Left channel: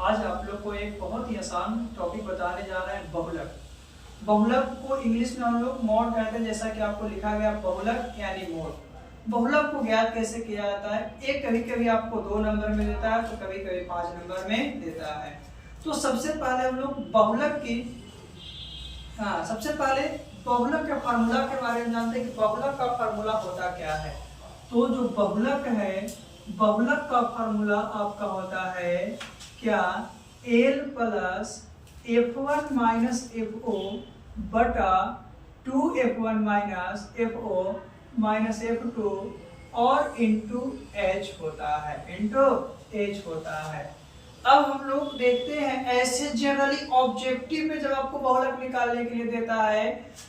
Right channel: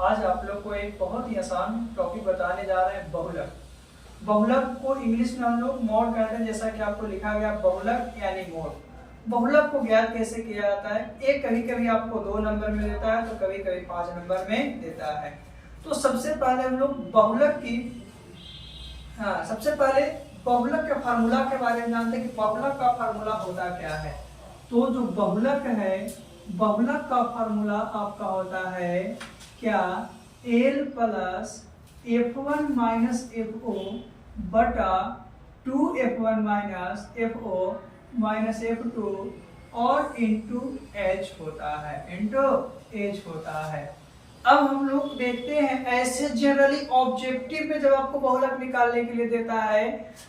आज आप लोग को एक बहुत ही आसान टॉपिक बताने जा रहे हैं, बहुलक। बहुलक को इंग्लिश में हम लोग मॉड कहते हैं, जैसा कि आपको लिखा गया बहुलक यानी मॉड। बहुलक को ज्ञात कैसे किया जाता है? एक कभी कभी आपको 2 नंबर में देता है तो कभी कभी 5 नंबर में देता है। तो सबसे पहले हम लोग बहुलक की सबसे पहले बहुलक के फार्मूला के बारे में जानते हैं कि बहुलक का फार्मूला होता क्या है। तो जो बहुलक है, बहुलक का फार्मूला आपका होता है क्या? L plus F1 minus FO बटा 2F1 minus FO minus F2 और इंटू H होता है। अब हम लोग देखते हैं, ऐसे जनरली ऑब्जेक्टिव में जब आपको बहुलक निकालने के लिए देता है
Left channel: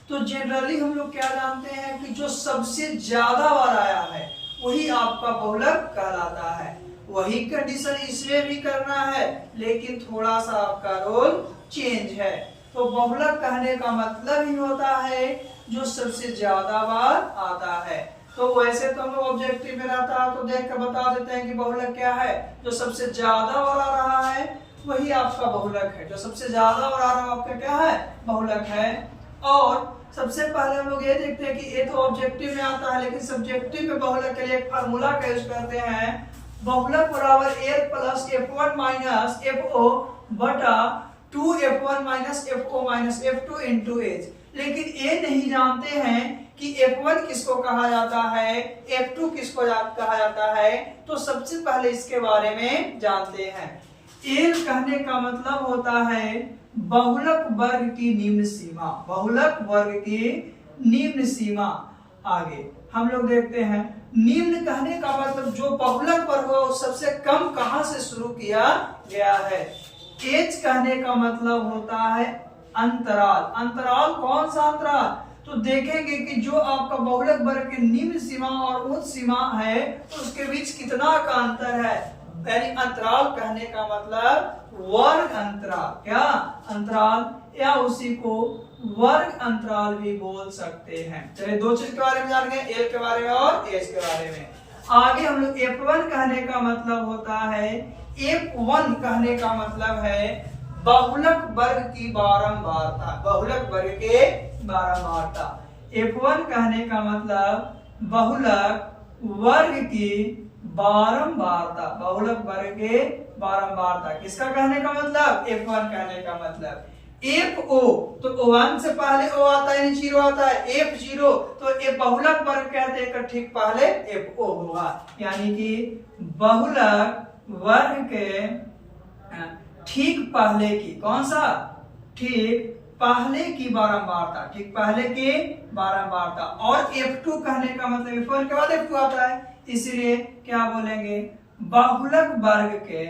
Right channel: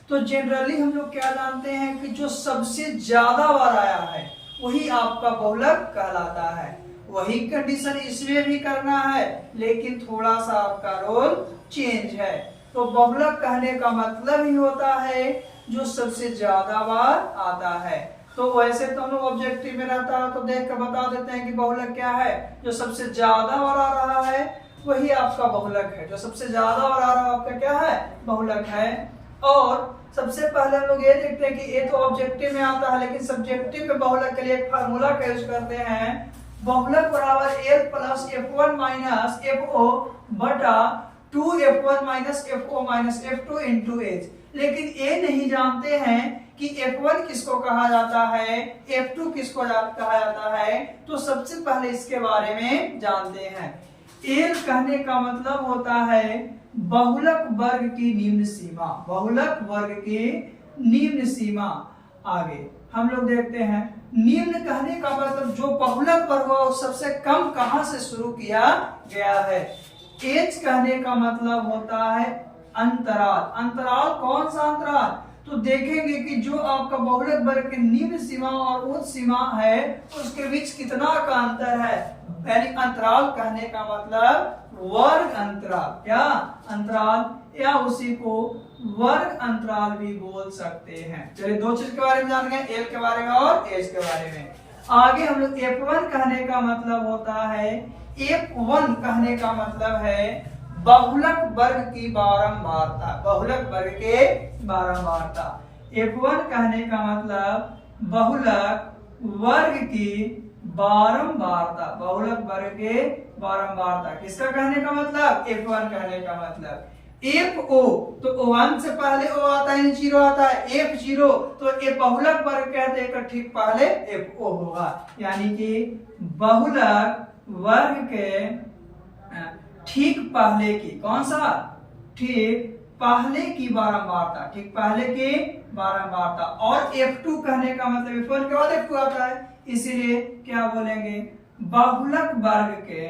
तो जनरली हम लोग क्या जानते हैं कि जो सबसे ज्यादा बार आया है वही आपका बहुलक कहलाता है। वही कंडीशन इसमें भी करना है, लेकिन थोड़ा सा आपका रोल चेंज है। तो बहुलक कहने का मतलब ही होता है जो सबसे ज्यादा बार आता है। तो वैसे तो हम लोग ऑब्जेक्टिव में रहता है तो देख कर बता देते हैं कि बहुलक क्या है। जो सबसे ज्यादा बार आ रहा है वही आपका बहुलक है। जो सबसे ज्यादा बार आ रहा है आपका क्या है? बहुलक है। और सबसे पहले हम लोग ये देखते हैं कि ये तो ऑब्जेक्टिव में आता है, लेकिन सब्जेक्टिव में बहुलक के लिए एक फार्मूला का यूज करते हैं। बहुलक बराबर L plus F1 minus FO बटा 2F1 minus FO minus F2 into H। लेकिन ये नहीं जानते हैं कि F1 किसको कहा जाता है, F2 किसको कहा जाता है। तो सबसे पहले इसके बारे में जानते हैं। L कहने का मतलब होता है बहुलक वर्ग की निम्न सीमा। बहुलक वर्ग की निम्न सीमा। आगे हम लोग देखते हैं, निम्न कहने का मतलब जो बहुलक वर्ग हो सबसे कम कहां से शुरू किया गया है। H कहने का मतलब होता है अंतराल। अंतराल कौन सा अंतराल? तो देखेंगे कि जो आपका बहुलक वर्ग की निम्न सीमा और उच्च सीमा है उसके बीच कितना का अंतर है। यानी अंतराल कहने का मतलब वर्ग अंतराल। क्या? अंतराल, या उसी को वर्ग अंतराल भी बोल सकते हैं। चलिए 2 चीज के बारे में जान गए, L के बारे में और H के बारे में। आगे हम लोग F1 कहने का मतलब होता है, F1 कहने का मतलब है बहुलक वर्ग की बारंबारता। बहुलक वर्ग के बारंबारता। F1 कहने का मतलब बहुलक वर्ग की बारंबारता। बहुलक वर्ग के बारंबारता किसका कहने का मतलब? F1 कहने का मतलब। FO तो 1 से पहले O आता है, 0 आता है। F0 तो ये बहुलक वर्ग कहते हैं, ठीक पहले FO होगा। यानी कि बहुलक वर्ग के ठीक पहले की, कौन सा? ठीक पहले की बारंबारता। ठीक पहले की बारंबारता। और F2 कहने का मतलब F1 के बाद F2 आता है, इसीलिए क्या बोलेंगे? बहुलक वर्ग के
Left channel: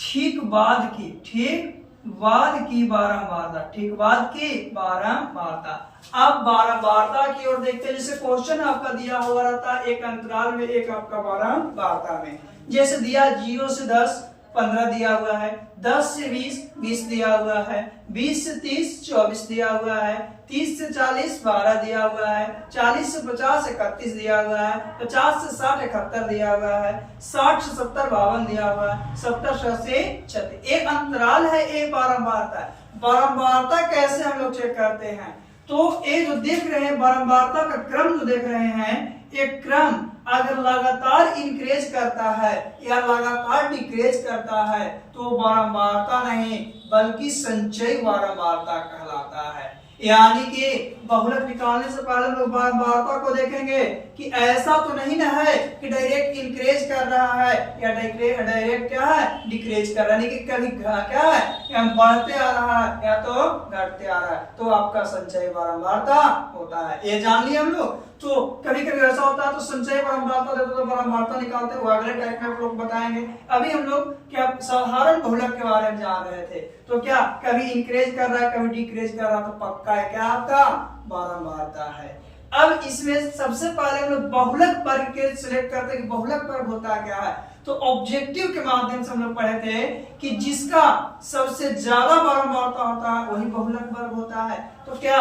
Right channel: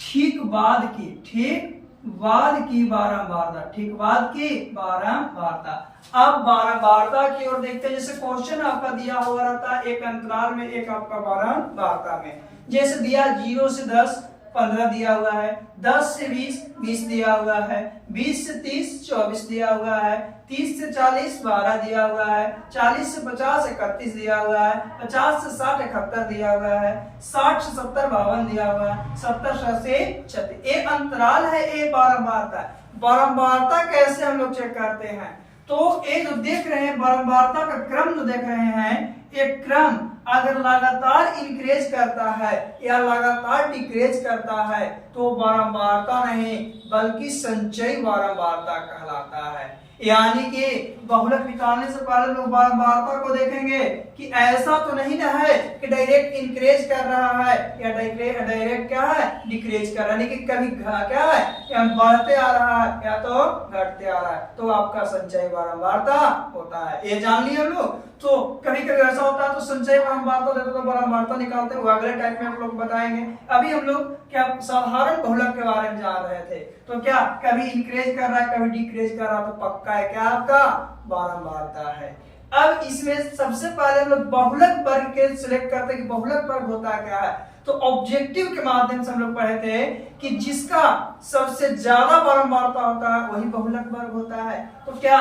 ठीक बाद की, ठीक बाद की बारंबारता। ठीक बाद की बारंबारता। अब बारंबारता की ओर देखते हैं। जैसे क्वेश्चन आपका दिया हुआ रहता है, एक अंतराल में, एक आपका बारंबारता में। जैसे दिया 0 से 10 15 दिया हुआ है, 10 से 20 दिया हुआ है, 20 से 30 24 दिया हुआ है, 30 से 40 12 दिया हुआ है, 40 से 50 31 दिया हुआ है, 50 से 60 71 दिया हुआ है, 60 से 70 52 दिया हुआ है, 70 से 80 36। एक अंतराल है, एक बारंबारता है। बारंबारता कैसे हम लोग चेक करते हैं? तो ये जो देख रहे हैं बारंबारता का क्रम जो देख रहे हैं, एक क्रम अगर लगातार इंक्रीज करता है या लगातार डिक्रीज करता है तो बारंबारता नहीं बल्कि संचयी बारंबारता कहलाता है। यानी कि बहुलक निकालने से पहले लोग बारंबारता को देखेंगे कि ऐसा तो नहीं ना है कि डायरेक्ट इंक्रीज कर रहा है या डायरेक्ट क्या है? डिक्रीज कर रहा है। लेकिन कभी क्या है? या बढ़ते आ रहा है या तो घटते आ रहा है, तो आपका संचयी बारंबारता होता है। ये जान लिया हम लोग। तो कभी कभी ऐसा होता है तो संचयी बारंबारता देते तो बारंबारता निकालते हैं, अगले टाइप में हम लोग बताएंगे। अभी हम लोग क्या साधारण बहुलक के बारे में जान रहे थे। तो क्या कभी इंक्रीज कर रहा है कभी डिक्रीज कर रहा है, तो पक्का है क्या आपका? बारंबारता है। अब इसमें सबसे पहले हम लोग बहुलक वर्ग के सिलेक्ट करते हैं कि बहुलक वर्ग होता क्या है। तो ऑब्जेक्टिव के माध्यम से हम लोग पढ़े थे कि जिसका सबसे ज्यादा बारंबारता होता है वही बहुलक वर्ग होता है। तो क्या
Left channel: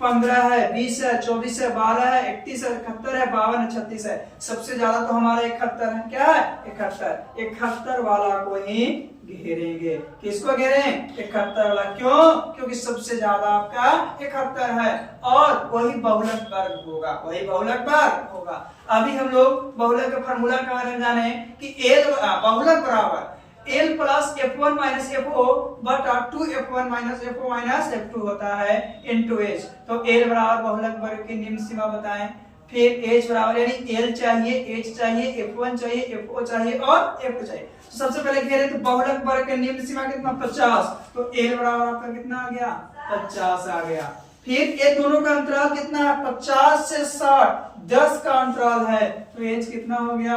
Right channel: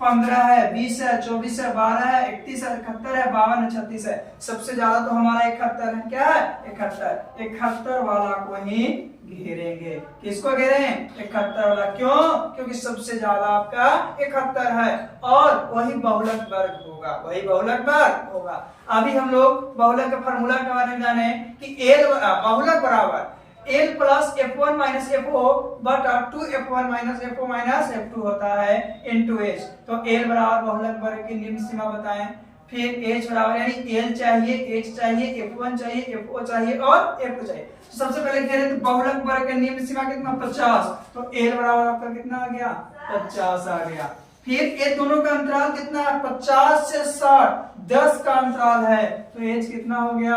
15 है, 20 है, 24 है, 12 है, 31 है, 71 है, 52 है, 36 है। सबसे ज्यादा तो हमारा 71 है। क्या है? 71। 71 वाला को ही घेरेंगे। किसको घेरें? 71 वाला। क्यों? क्योंकि सबसे ज्यादा आपका 71 है और वही बहुलक वर्ग होगा, वही बहुलक वर्ग होगा। अभी हम लोग बहुलक का फार्मूला के बारे में जाने कि बहुलक बराबर L plus F1 minus FO बटा 2F1 minus FO minus F2 होता है इनटू H। तो L बराबर बहुलक वर्ग की निम्न सीमा बताएं। फिर H बराबर यानी L चाहिए, H चाहिए, F1 चाहिए, FO चाहिए और F2 चाहिए। तो सबसे पहले घेरे तो बहुलक वर्ग की निम्न सीमा कितना? 50। तो L बराबर आपका कितना आ गया? 50 आ गया। फिर ये दोनों का अंतराल कितना है? 50 से 60, 10 का अंतराल है। तो एज कितना हो गया?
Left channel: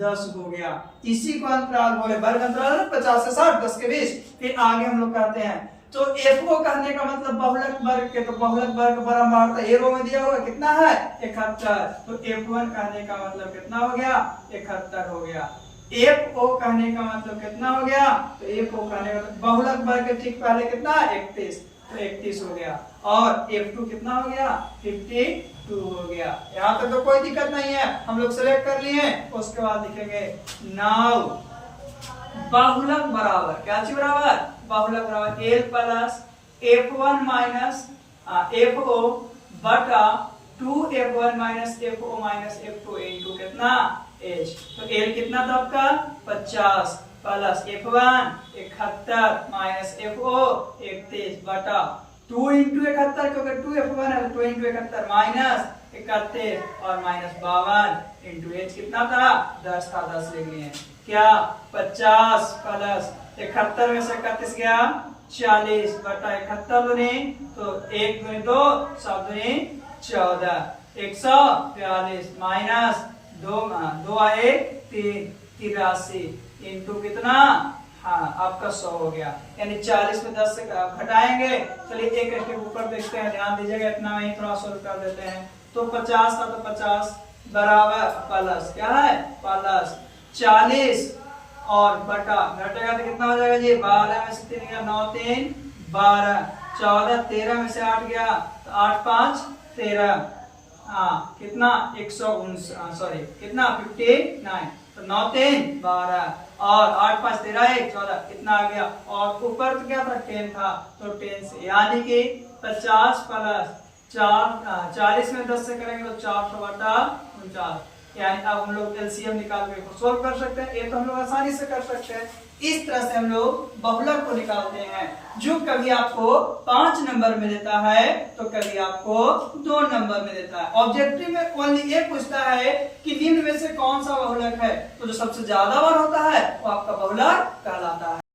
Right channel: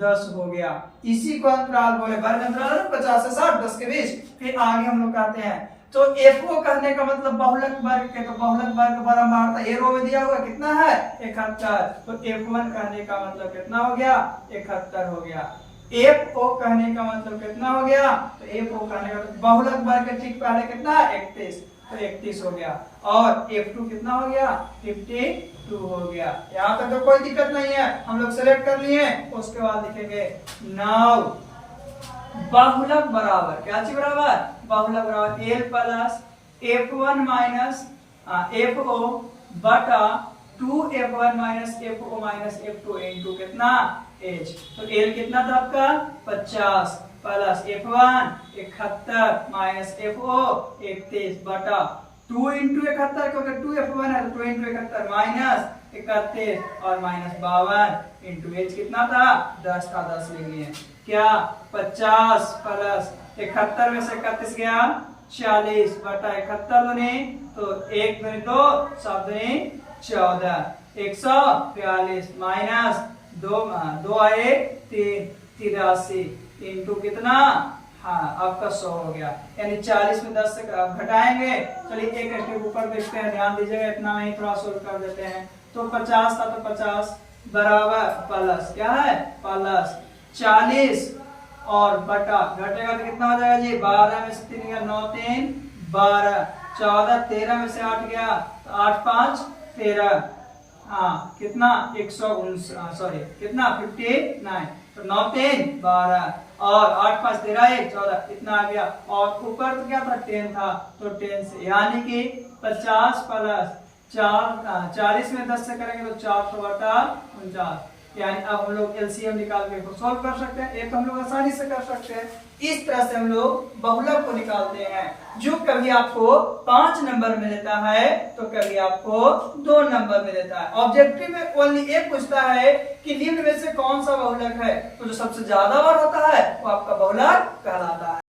10 हो गया। इसी को अंतराल बोले, वर्ग अंतराल है ना, 50 से 60, 10 के बीच। फिर आगे हम लोग कहते हैं तो FO कहने का मतलब बहुलक वर्ग के, तो बहुलक वर्ग बारंबारता ए रो में दिया हुआ कितना है? 71। तो F1 कहने का मतलब कितना हो गया? 71 हो गया। FO कहने का मतलब कितना हो गया? तो FO कहने का मतलब बहुलक वर्ग के ठीक पहले कितना? 31। तो 31 हो गया। और F2 कितना हो गया? 52 हो गया। यहाँ तक तो कोई दिक्कत नहीं है, हम लोग सेलेक्ट कर लिए। उसके बाद लिखेंगे नाउ बाहुलक बराबर, क्या चीज बराबर? बाहुलक बराबर L plus F1 minus FO बटा 2F1 minus FO minus F2 into कितना? H। तो L कितना था आपका? 50 प्लस F1 71 माइनस FO 31 बटा 2 इंटू 71 क्योंकि 2F1 है, 2 इंटू 71 माइनस 31 और माइनस 52 इंटू H कितना था? 10 था, 10 ले लिए। क्या? 50 प्लस 71 में से 31 गया 40 बटा 71 दूनी तो 1 दूनी 2, 7 दूनी 14, 142 माइनस 2 आए 3, 83 इंटू कितना? हाँ आपका 100 हो गया। यानी 40 में 10 से घटाएंगे। चलिए एक स्टेप ऊपर देखते हैं, ध्यान दीजिएगा, इतना में ही थोड़ा सोल्व कर देते हैं। तो 50 था तो 50 बराबर प्लस क्या है? प्लस 40 और बटा घटेगा तो कितना हो जाएगा जी? 12 में से 3 गया 9 3 12, 14 13 में से 8 गया 8 5 13, हाँ कितना? 119 सॉरी कितना? 59। तो 9 3 12 और 8 5 13 1 14 इतना आ गया। और ऊपर तो क्या था? 10 था, तो 10 से यानी कि 50 प्लस 40 में 10 से करेंगे तो 400 बटा 49। यानी अब हम लोग एलसीएम निकाल के सोल्व कर सकते हैं। ये तो हम लोग आसानी से कर सकते हैं। इस तरह से हम लोग बहुलक को निकालते हैं, जो कभी आपको 5 नंबर में देता है तो कभी आपको 2 नंबर में देता है। ऑब्जेक्टिव में ओनली ये पूछता है कि निम्न में से कौन सा बहुलक है, तो जो सबसे ज्यादा बार होता है वो आपका बहुलक कहलाता है।